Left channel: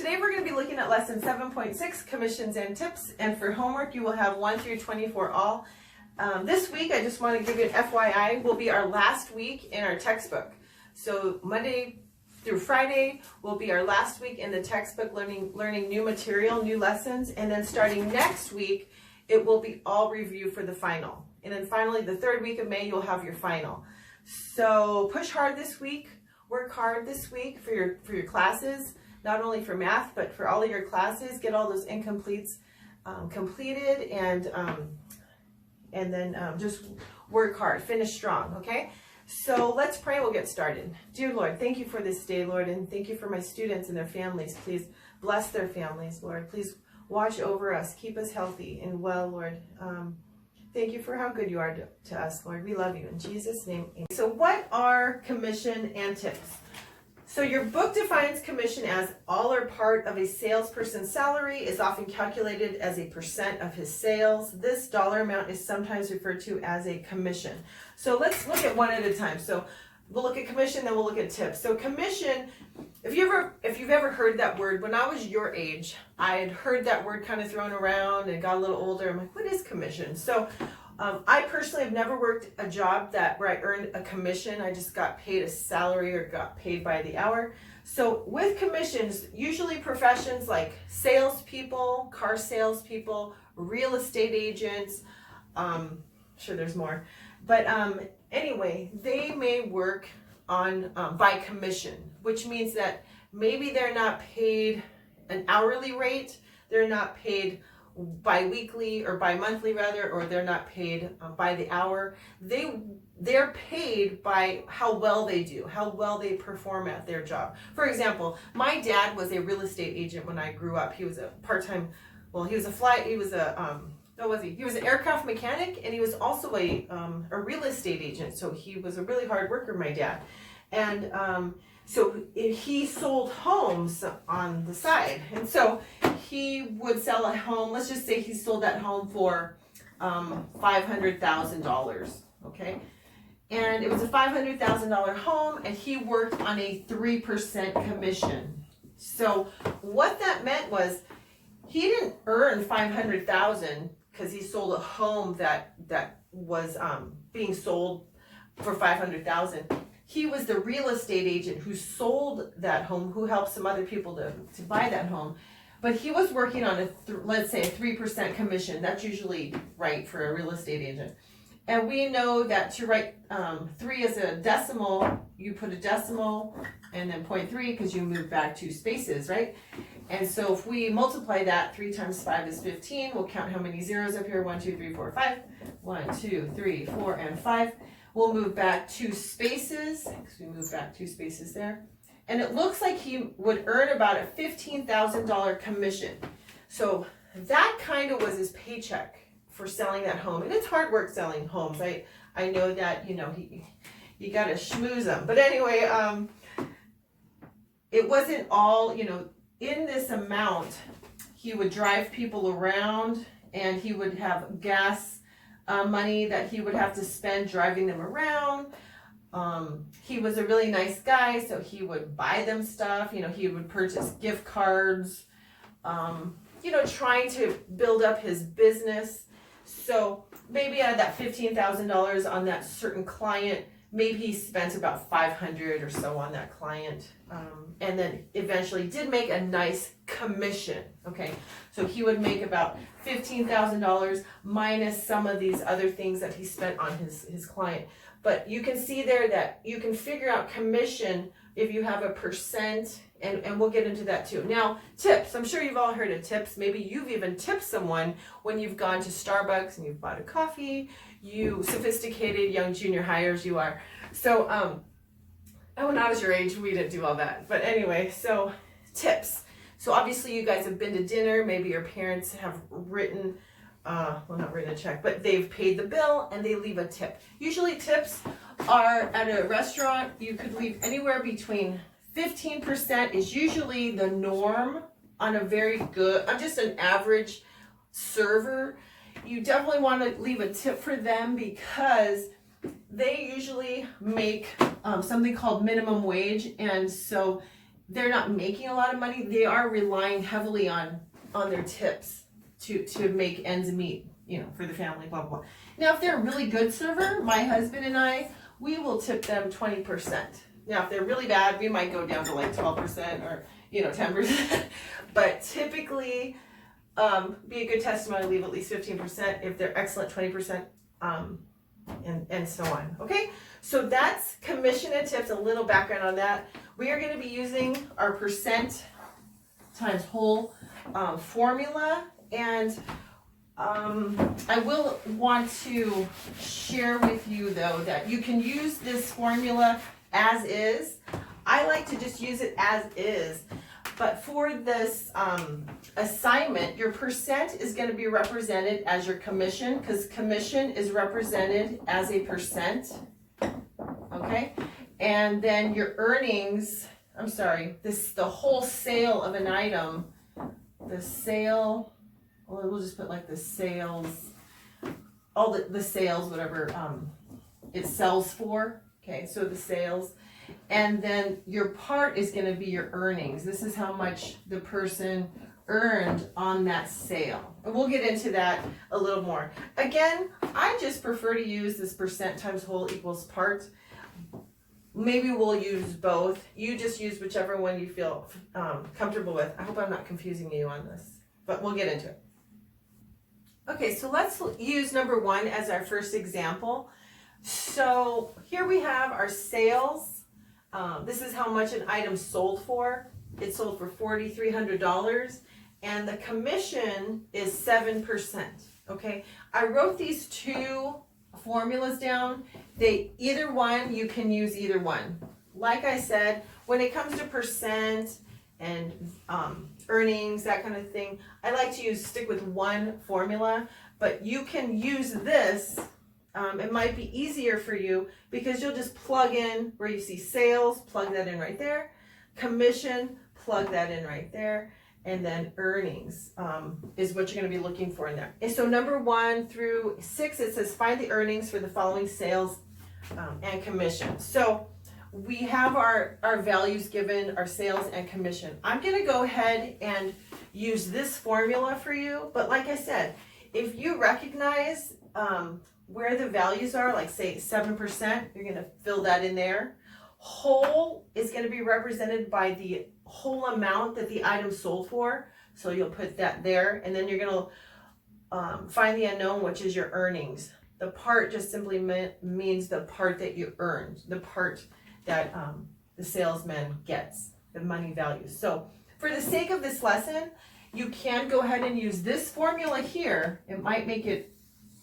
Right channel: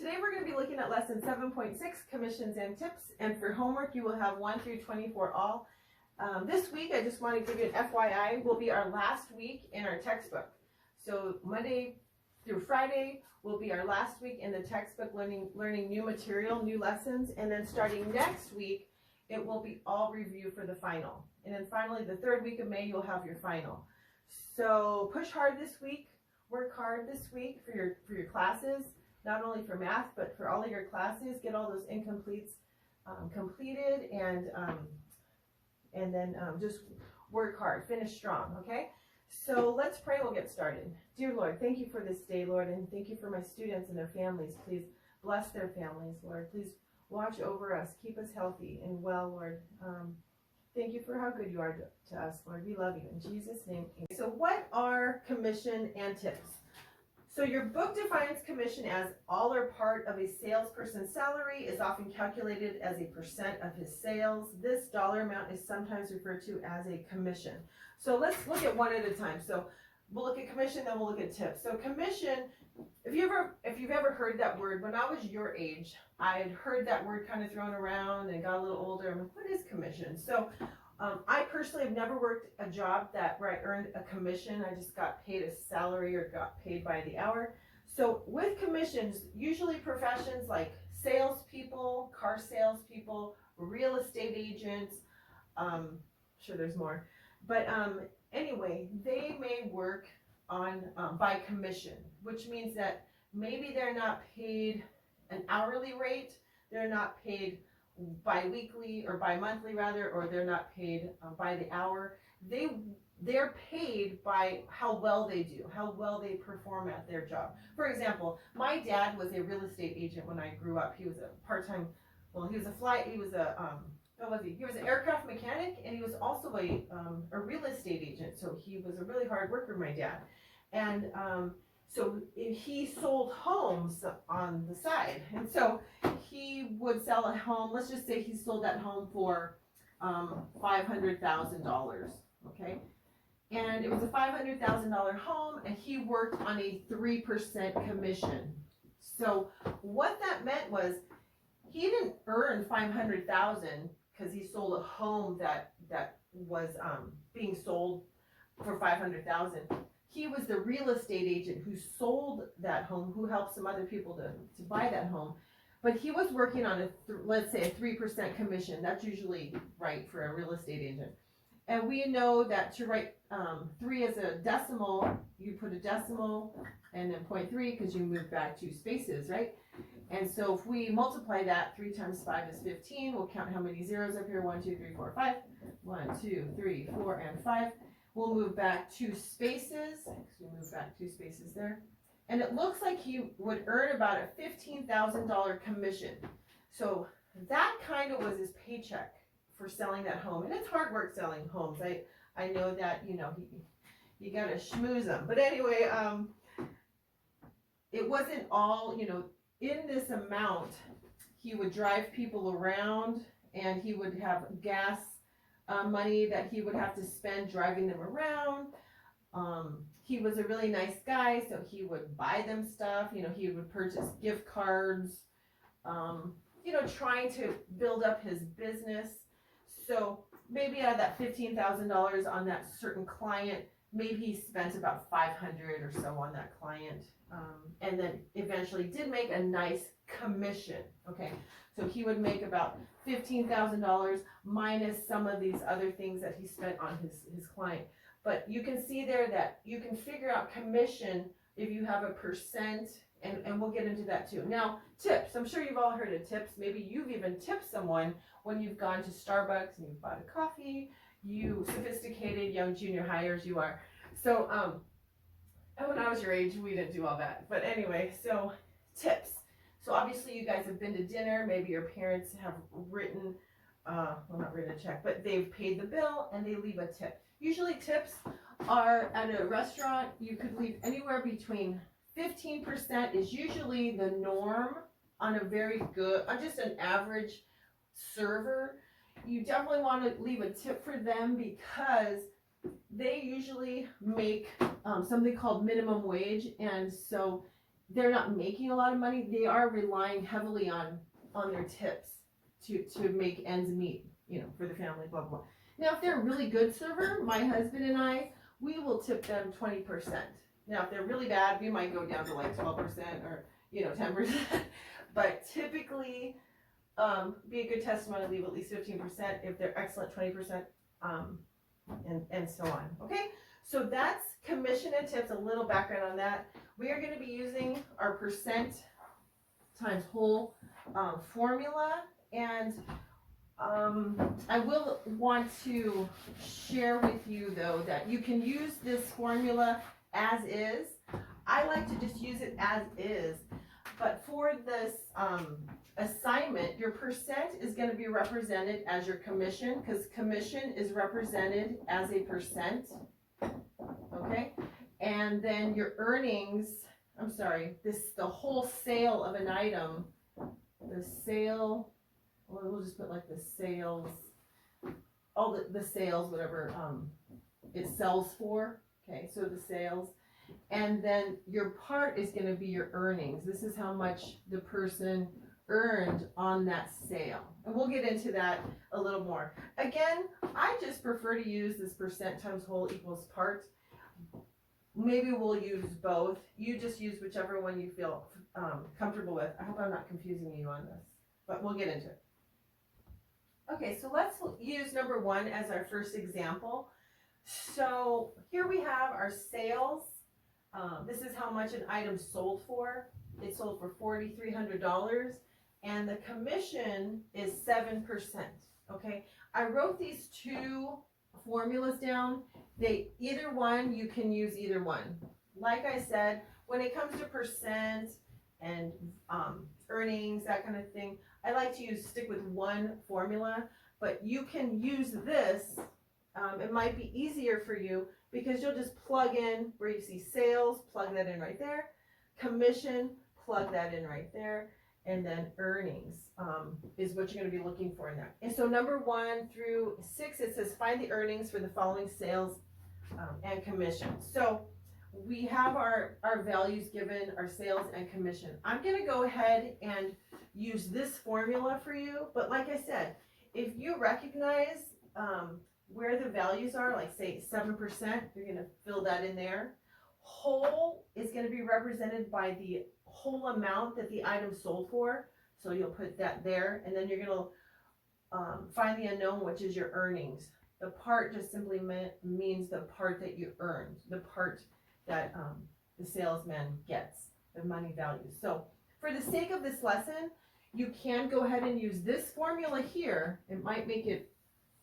Today we're going to be looking at lesson 7.6, commissions and tips, and for homework you will have 1 through 24 all. This week, I just want to give you an FYI, will be our last week in our textbook. So Monday through Friday will be our last week in the textbook, learning new material, new lessons, and then starting next week, it will be all review for the final. And then finally, the third week of May, you'll have your final. So push hard this week, work hard this week for your classes, not only for math, but for all of your classes. Get all those incompletes completed, and then just work hard, finish strong, okay? So let's pray, we'll get started. Dear Lord, thank you for this day, Lord, and thank you for my students and their families. Please bless their families, Lord. Please watch over us, keep us healthy and well, Lord. Thank you for how good you are to us, Lord. We love you. In Jesus' name, amen. So what are commission and tips? So your book defines commission as all or part of a salesperson's salary, is often calculated as a % of his sales. This dollar amount is sometimes referred to as a commission. So let's look at one at a time. So we'll look at commission, then we'll look at tips. So commission, if you've ever heard that word, when I was your age, I had heard that word kind of thrown around and got a little older. I'm like, what is commission? So I personally have never worked a job where I earned a commission. I just got paid a salary or got paid by the hour. So with commissions, usually professions like salespeople, car salespeople, real estate agents, sure there's more, but anyway, they may work on by commission, which means that maybe they're not paid an hourly rate, they're not paid bi-weekly or bi-monthly rather, or they're not paid by the hour. They're paid by how well they do, how well they perform at their job. For example, my dad was a real estate agent when I grew up. He was a part-time, well, he was an aircraft mechanic, and he was also a real estate agent. So he was a really hard worker, my dad. And so he sold homes on the side. And so he would sell a home. Let's just say he sold that home for $500,000, okay? And it was a $500,000 home, and he worked on a 3% commission. So what that meant was he didn't earn $500,000 because he sold a home that was being sold for $500,000. He was the real estate agent who sold that home, who helped some other people to buy that home. But he was working on let's say a 3% commission. That's usually right for a real estate agent. And we know that to write 3 as a decimal, you put a decimal and then 0.3 because you move back 2 spaces, right? And so if we multiply that, 3 times 5 is 15. We'll count how many zeros up here. 1, 2, 3, 4, 5. 1, 2, 3, 4, and 5. We'll move back 2 spaces. So we move back 2 spaces there. And it looks like he would earn about a $15,000 commission. So that kind of was his paycheck for selling that home. And it's hard work selling homes. I know that, you got to schmooze them. But anyway, it wasn't all, in this amount, he would drive people around, and he would have gas money that he would have to spend driving them around. He was a really nice guy, so he would buy them stuff. He would purchase gift cards, trying to build up his business. So maybe out of that $15,000 on that certain client, maybe he spent about $500 or so on that client, and then eventually did make a nice commission. Okay, so he would make about $15,000 minus some of these other things that he spent on his client. But you can see there that you can figure out commission if you have a percent, and we'll get into that too. Now, tips. I'm sure you've all heard of tips. Maybe you've even tipped someone when you've gone to Starbucks and you've bought a coffee. You sophisticated young junior hires you are. So, when I was your age, we didn't do all that. But anyway, so tips. So obviously you guys have been to dinner. Maybe your parents have written, not written a check, but they've paid the bill and they leave a tip. Usually tips are at a restaurant, you could leave anywhere between 15% is usually the norm on a very good, on just an average server. You definitely want to leave a tip for them because they usually make something called minimum wage, and so they're not making a lot of money, they are relying heavily on their tips to make ends meet, you know, for the family, blah, blah, blah. Now, if they're a really good server, my husband and I, we will tip them 20%. Now, if they're really bad, we might go down to like 12% or, you know, 10%. But typically, be a good testimony, leave at least 15%. If they're excellent, 20%, and so on. Okay, so that's commission and tips, a little background on that. We are going to be using our percent times whole formula, and I will want to share with you though that you can use this formula as is. I like to just use it as is, but for this assignment, your percent is going to be represented as your commission, because commission is represented as a percent, okay? And then your earnings, the whole sale of an item, the sale, well, we'll just put like the sales, all the sales, whatever it sells for, okay, so the sales. And then your part is going to be your earnings. This is how much the person earned on that sale. And we'll get into that a little more. Again, I just prefer to use this percent times whole equals part. Maybe we'll use both. You just use whichever one you feel comfortable with. I hope I'm not confusing you on this, but we'll get into it. Okay, so let's use number 1 as our first example. So here we have our sales. This is how much an item sold for. It sold for $4,300, and the commission is 7%. Okay, I wrote these two formulas down. Either one, you can use either one. Like I said, when it comes to percent and earnings, that kind of thing, I like to stick with one formula, but you can use this. It might be easier for you because you'll just plug in where you see sales, plug that in right there, commission, plug that in right there, and then earnings is what you're going to be looking for in there. And so number 1 through 6, it says find the earnings for the following sales and commission. So we have our values given, our sales and commission. I'm going to go ahead and use this formula for you, but like I said, if you recognize where the values are, like say 7%, you're going to fill that in there. Whole is going to be represented by the whole amount that the item sold for, so you'll put that there, and then you're going to find the unknown, which is your earnings. The part just simply means the part that you earned, the part that the salesman gets, the money value. So for the sake of this lesson, you can go ahead and use this formula here. It might make it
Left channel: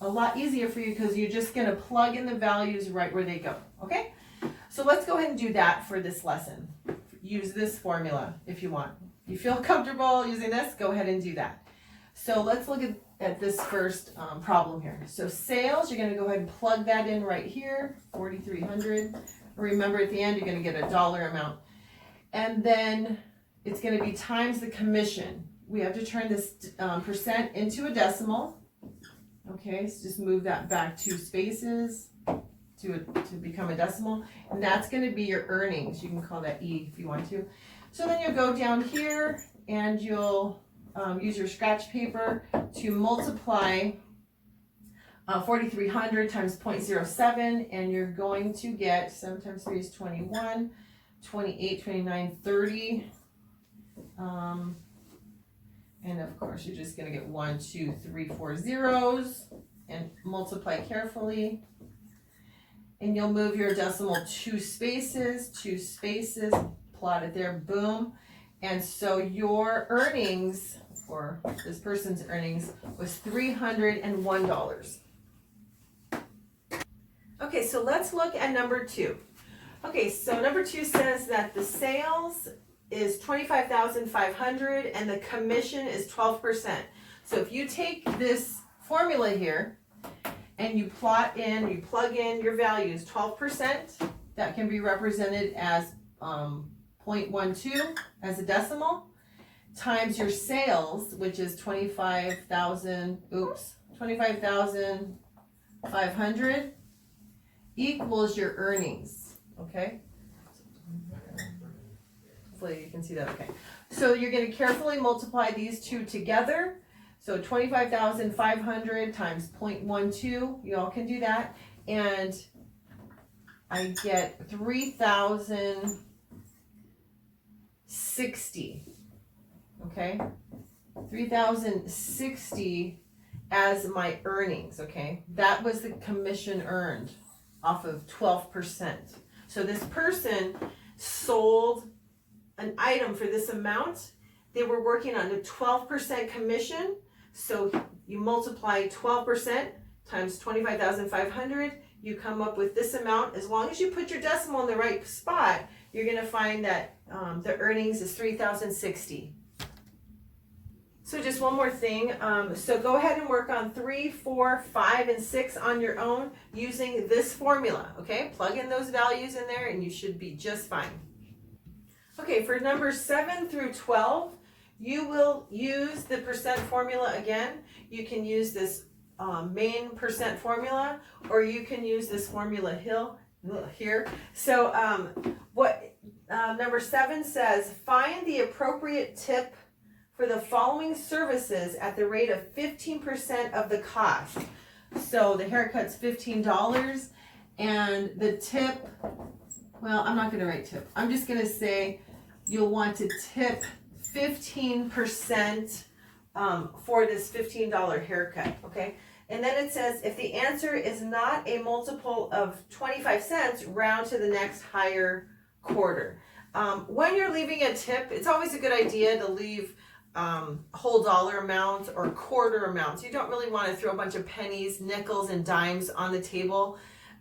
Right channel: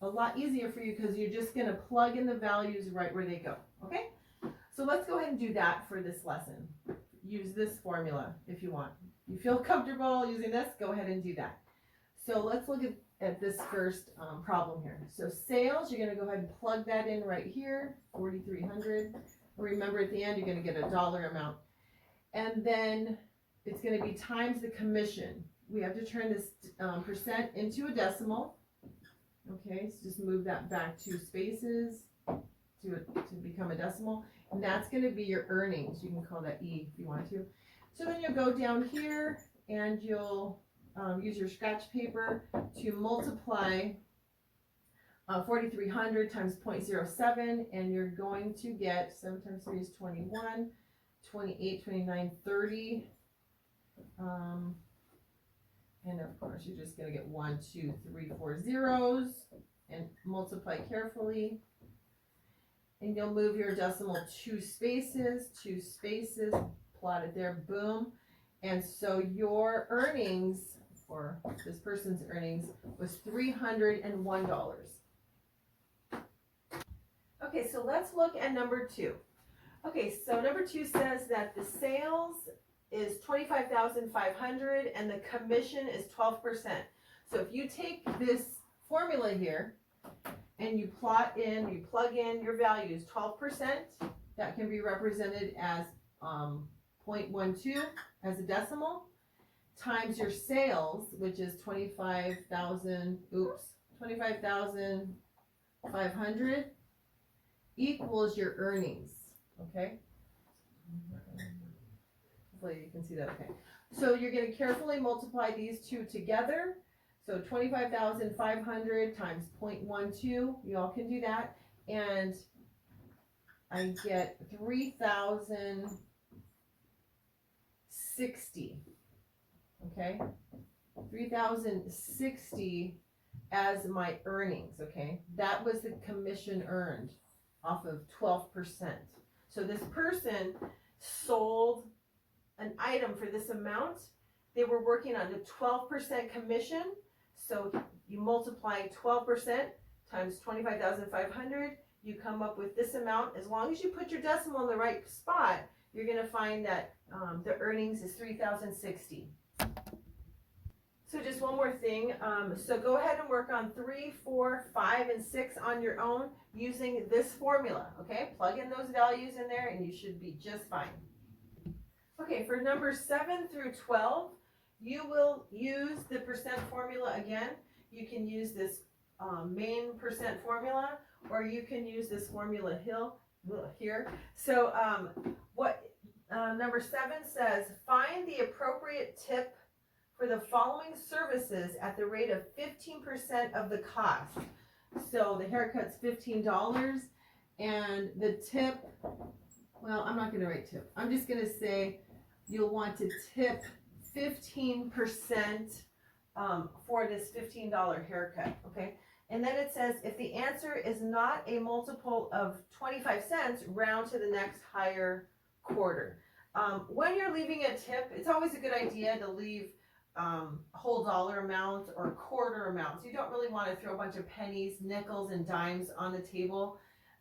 a lot easier for you because you're just going to plug in the values right where they go, okay? So let's go ahead and do that for this lesson. Use this formula if you want. If you feel comfortable using this, go ahead and do that. So let's look at this first problem here. So sales, you're going to go ahead and plug that in right here, 4,300. Remember at the end, you're going to get a dollar amount. And then it's going to be times the commission. We have to turn this percent into a decimal. Okay, so just move that back 2 spaces to become a decimal. And that's going to be your earnings. You can call that E if you want to. So then you'll go down here and you'll use your scratch paper to multiply 4,300 times 0.07, and you're going to get 7 times 3 is 21, 28, 29, 30. And of course, you're just going to get 1, 2, 3, 4 zeros and multiply carefully. And you'll move your decimal 2 spaces, plot it there, boom. And so your earnings, or this person's earnings, was $301. Okay, so let's look at number 2. Okay, so number 2 says that the sales is $25,500 and the commission is 12%. So if you take this formula here and you plug in your values, 12%, that can be represented as 0.12 as a decimal, times your sales, which is 25,500 equals your earnings, okay? Hopefully you can see that okay. So you're going to carefully multiply these two together. So 25,500 times 0.12, you all can do that. And I get 3,060, okay? 3,060 as my earnings, okay? That was the commission earned off of 12%. So this person sold an item for this amount. They were working on a 12% commission. So you multiply 12% times 25,500, you come up with this amount. As long as you put your decimal in the right spot, you're going to find that the earnings is 3,060. So just one more thing. So go ahead and work on 3, 4, 5, and 6 on your own using this formula, okay? Plug in those values in there and you should be just fine. Okay, for numbers 7 through 12, you will use the percent formula again. You can use this main percent formula, or you can use this formula here. So number 7 says, find the appropriate tip for the following services at the rate of 15% of the cost. So the haircut's $15, and the tip, well, I'm not going to write tip. I'm just going to say you'll want to tip 15% for this $15 haircut, okay? And then it says, if the answer is not a multiple of 25 cents, round to the next higher quarter. When you're leaving a tip, it's always a good idea to leave whole dollar amounts or quarter amounts. You don't really want to throw a bunch of pennies, nickels, and dimes on the table.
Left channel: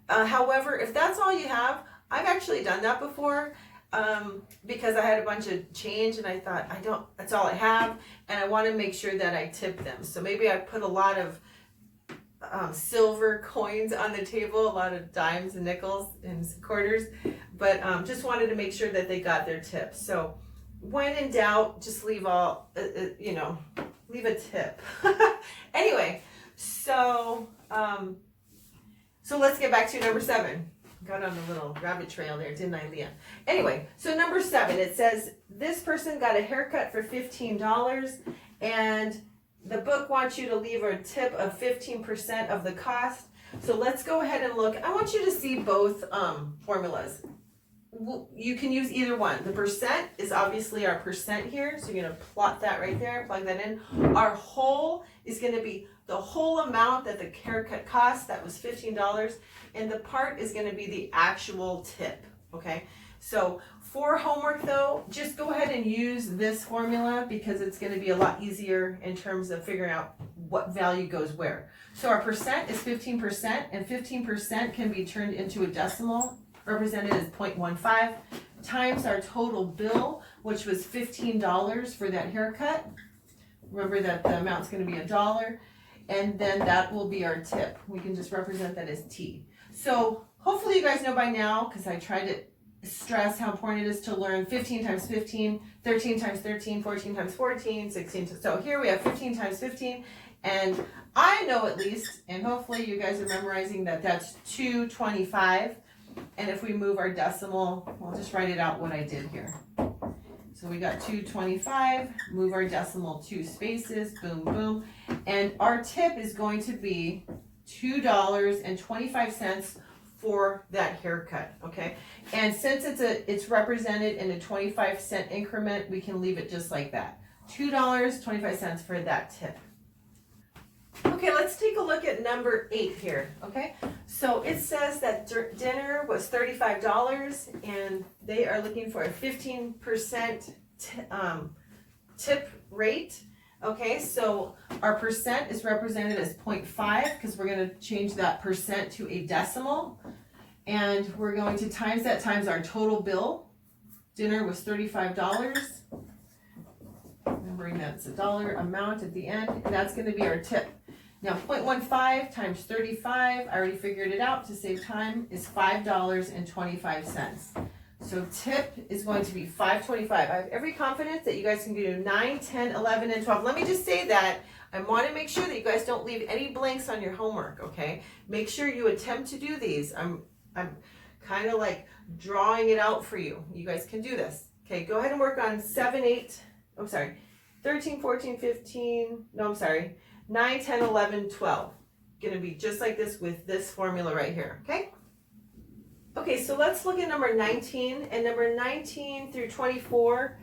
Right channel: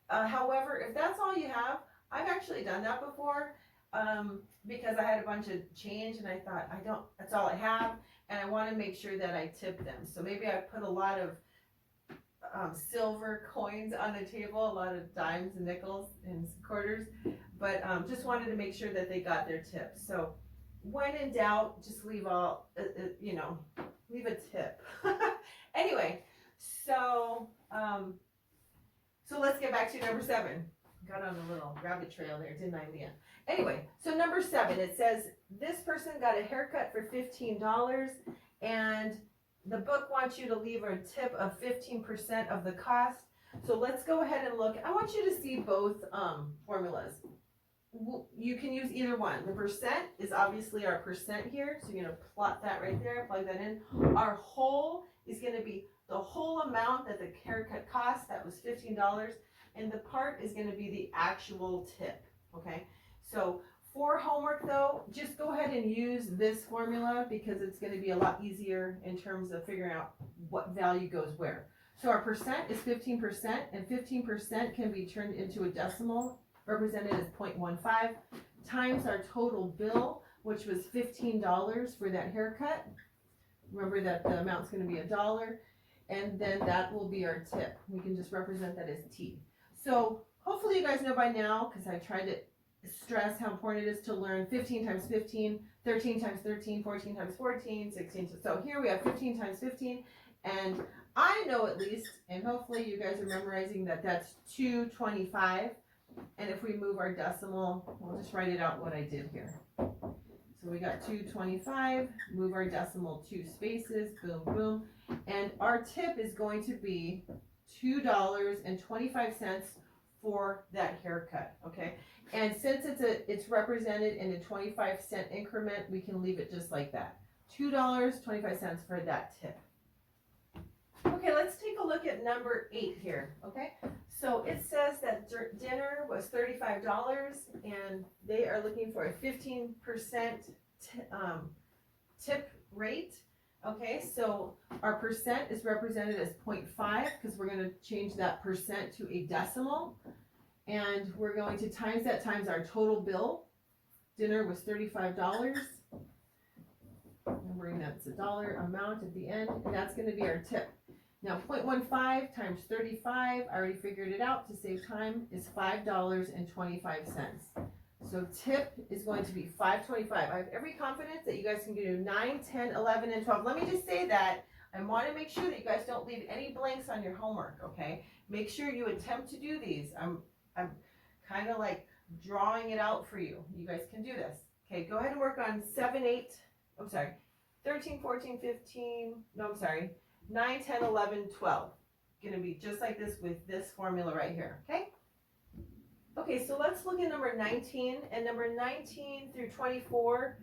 However, if that's all you have, I've actually done that before. Because I had a bunch of change and I thought, that's all I have, and I want to make sure that I tip them. So maybe I put a lot of silver coins on the table, a lot of dimes and nickels and quarters, but just wanted to make sure that they got their tips. So when in doubt, just leave leave a tip. Anyway, so let's get back to number 7. Got on a little rabbit trail there, didn't I, Leah? Anyway, so number 7, it says this person got a haircut for $15, and the book wants you to leave a tip of 15% of the cost. So let's go ahead and look. I want you to see both formulas. You can use either one. The percent is obviously our percent here, so you're going to plot that right there, plug that in. Our whole is going to be the whole amount that the haircut cost, that was $15, and the part is going to be the actual tip, okay? So for homework though, just go ahead and use this formula because it's going to be a lot easier in terms of figuring out what value goes where. So our percent is 15%, and 15% can be turned into a decimal, represented as 0.15, times our total bill, which was $15 for that haircut. Remember that the amount's going to be $1, and then that will be our tip. We can just represent that as T. So hopefully you guys know by now, because I tried to stress how important it is to learn 15 times 15, 13 times 13, 14 times 14, 16. So here we have 15 times 15, and I know at least, and hopefully you guys are memorizing that that's 225. And if we move our decimal, I'll just write it out what I did here. So we got 225, move our decimal 2 spaces, boom, boom. And our tip is going to be $2.25 for that haircut, okay? And since it's represented in a 25-cent increment, we can leave it just like that. $2.25 for that tip. Okay, let's take a look at number 8 here, okay? So it says that dinner was $35 and they are looking for a 15% tip rate. Okay, so our percent is represented as 0.5 because we're going to change that percent to a decimal. And we're going to times that times our total bill. Dinner was $35. Remembering that's a dollar amount at the end, and that's going to be our tip. Now 0.15 times 35, I already figured it out to save time, is $5.25. So tip is going to be $5.25. I have every confidence that you guys can do 9, 10, 11, and 12. Let me just say that I want to make sure that you guys don't leave any blanks on your homework, okay? Make sure you attempt to do these. I'm kind of like drawing it out for you. You guys can do this. Okay, go ahead and work on 7, 8, I'm sorry, 13, 14, 15, no, I'm sorry, 9, 10, 11, 12. Gonna be just like this with this formula right here, okay? Okay, so let's look at number 19, and number 19 through 24,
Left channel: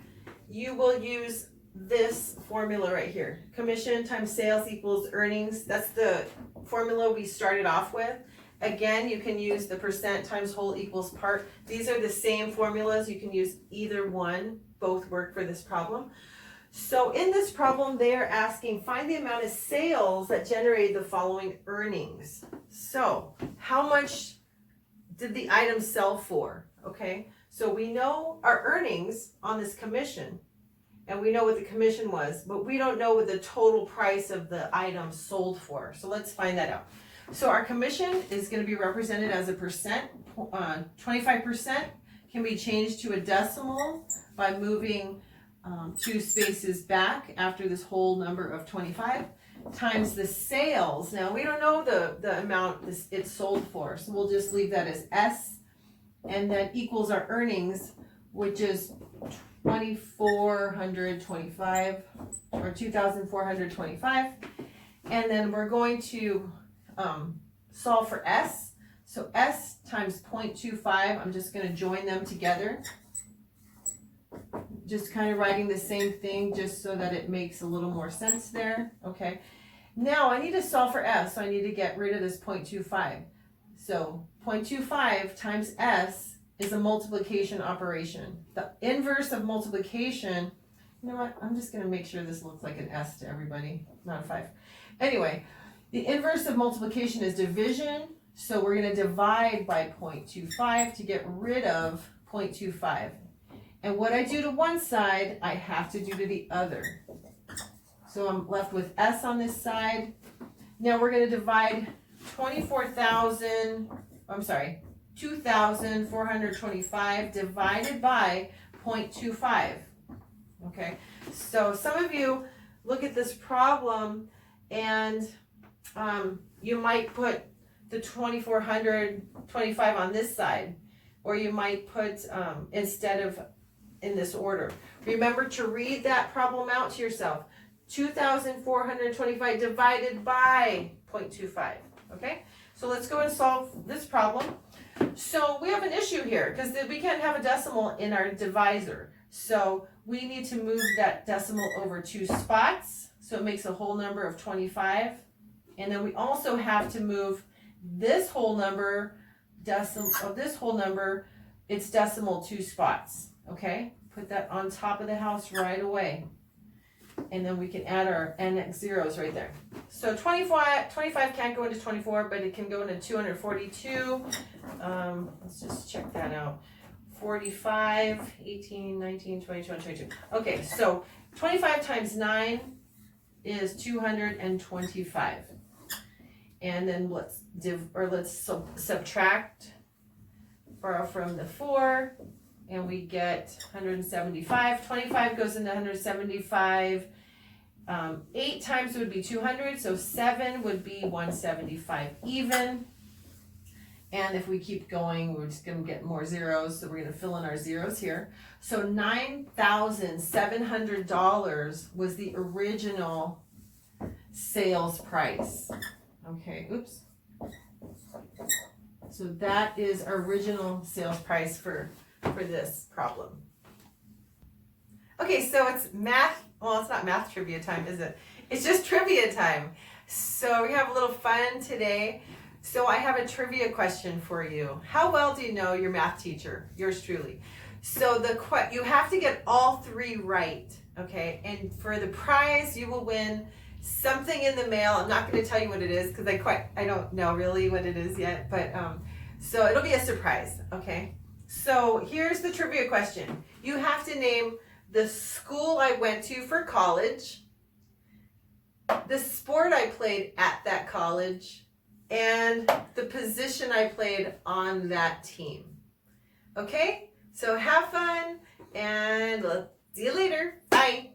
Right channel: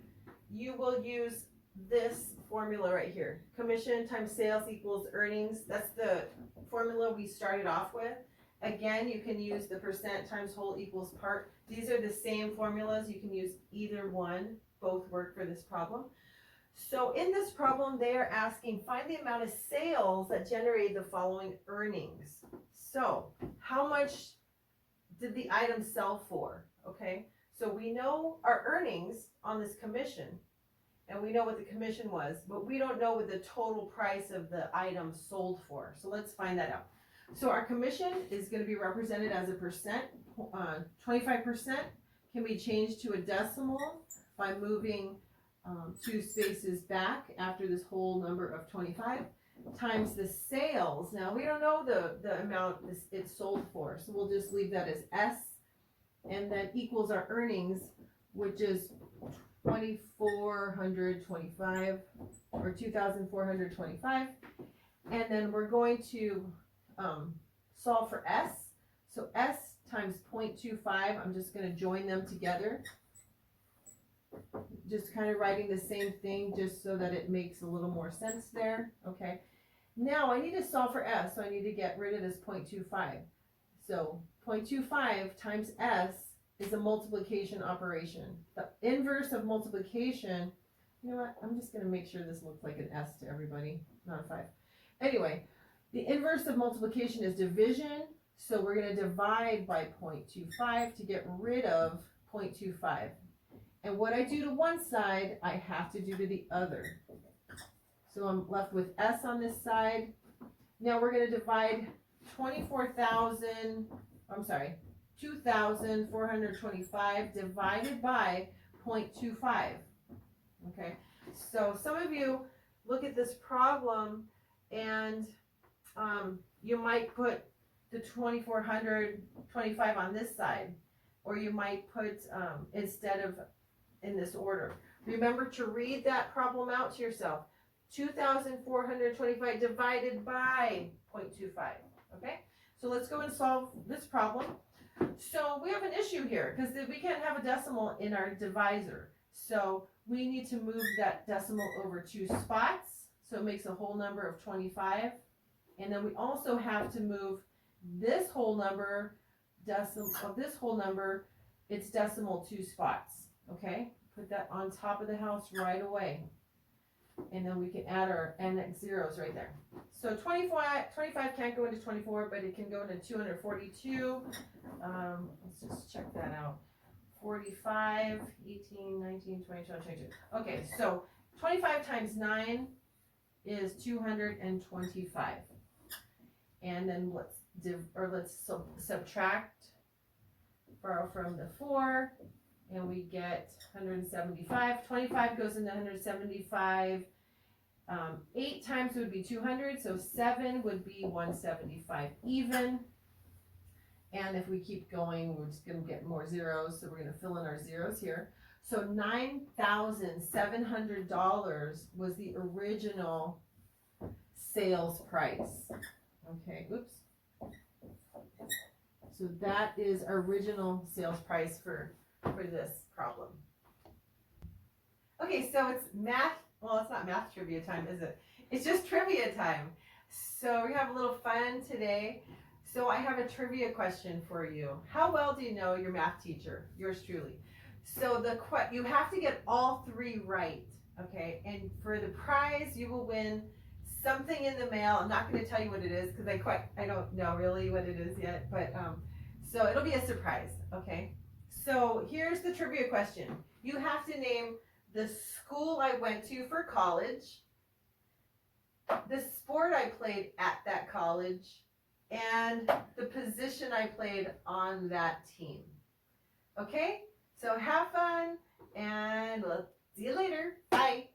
you will use this formula right here. Commission times sales equals earnings. That's the formula we started off with. Again, you can use the percent times whole equals part. These are the same formulas. You can use either one. Both work for this problem. So in this problem, they are asking, find the amount of sales that generated the following earnings. So how much did the item sell for? Okay, so we know our earnings on this commission, and we know what the commission was, but we don't know what the total price of the item sold for. So let's find that out. So our commission is going to be represented as a percent. 25% can be changed to a decimal by moving 2 spaces back after this whole number of 25 times the sales. Now we don't know the amount it's sold for, so we'll just leave that as S, and that equals our earnings, which is 2,425 or 2,425, and then we're going to solve for S. So S times 0.25, I'm just going to join them together. Just kind of writing the same thing just so that it makes a little more sense there. Okay. Now I need to solve for S, so I need to get rid of this 0.25. So 0.25 times S is a multiplication operation. The inverse of multiplication, you know what, I'm just going to make sure this looks like an S to everybody, not a 5. Anyway, the inverse of multiplication is division, so we're going to divide by 0.25 to get rid of 0.25. And what I do to one side, I have to do to the other. So I'm left with S on this side. Now we're going to divide 2,425 divided by 0.25. Okay, so some of you look at this problem and you might put the 2,425 on this side, or you might put instead of in this order. Remember to read that problem out to yourself. 2,425 divided by 0.25. Okay, so let's go and solve this problem. So we have an issue here because we can't have a decimal in our divisor. So we need to move that decimal over 2 spots. So it makes a whole number of 25. And then we also have to move this whole number, it's decimal 2 spots. Okay, put that on top of the house right away. And then we can add our NX zeros right there. So 25 can't go into 24, but it can go into 242. Let's just check that out. 45, 18, 19, 20, 22. Okay, so 25 times 9 is 225. And then let's subtract, borrow from the 4, and we get 175. 25 goes into 175. 8 times would be 200, so 7 would be 175 even. And if we keep going, we're just going to get more zeros, so we're going to fill in our zeros here. So $9,700 was the original sales price. Okay, oops. So that is our original sales price for this problem. Okay, so it's math. Well, it's not math trivia time, is it? It's just trivia time. So we have a little fun today. So I have a trivia question for you. How well do you know your math teacher? Yours truly. So you have to get all 3 right, okay? And for the prize, you will win something in the mail. I'm not going to tell you what it is because I don't know really what it is yet, but so it'll be a surprise, okay? So here's the trivia question. You have to name the school I went to for college, the sport I played at that college, and the position I played on that team. Okay? So have fun, and see you later. Bye.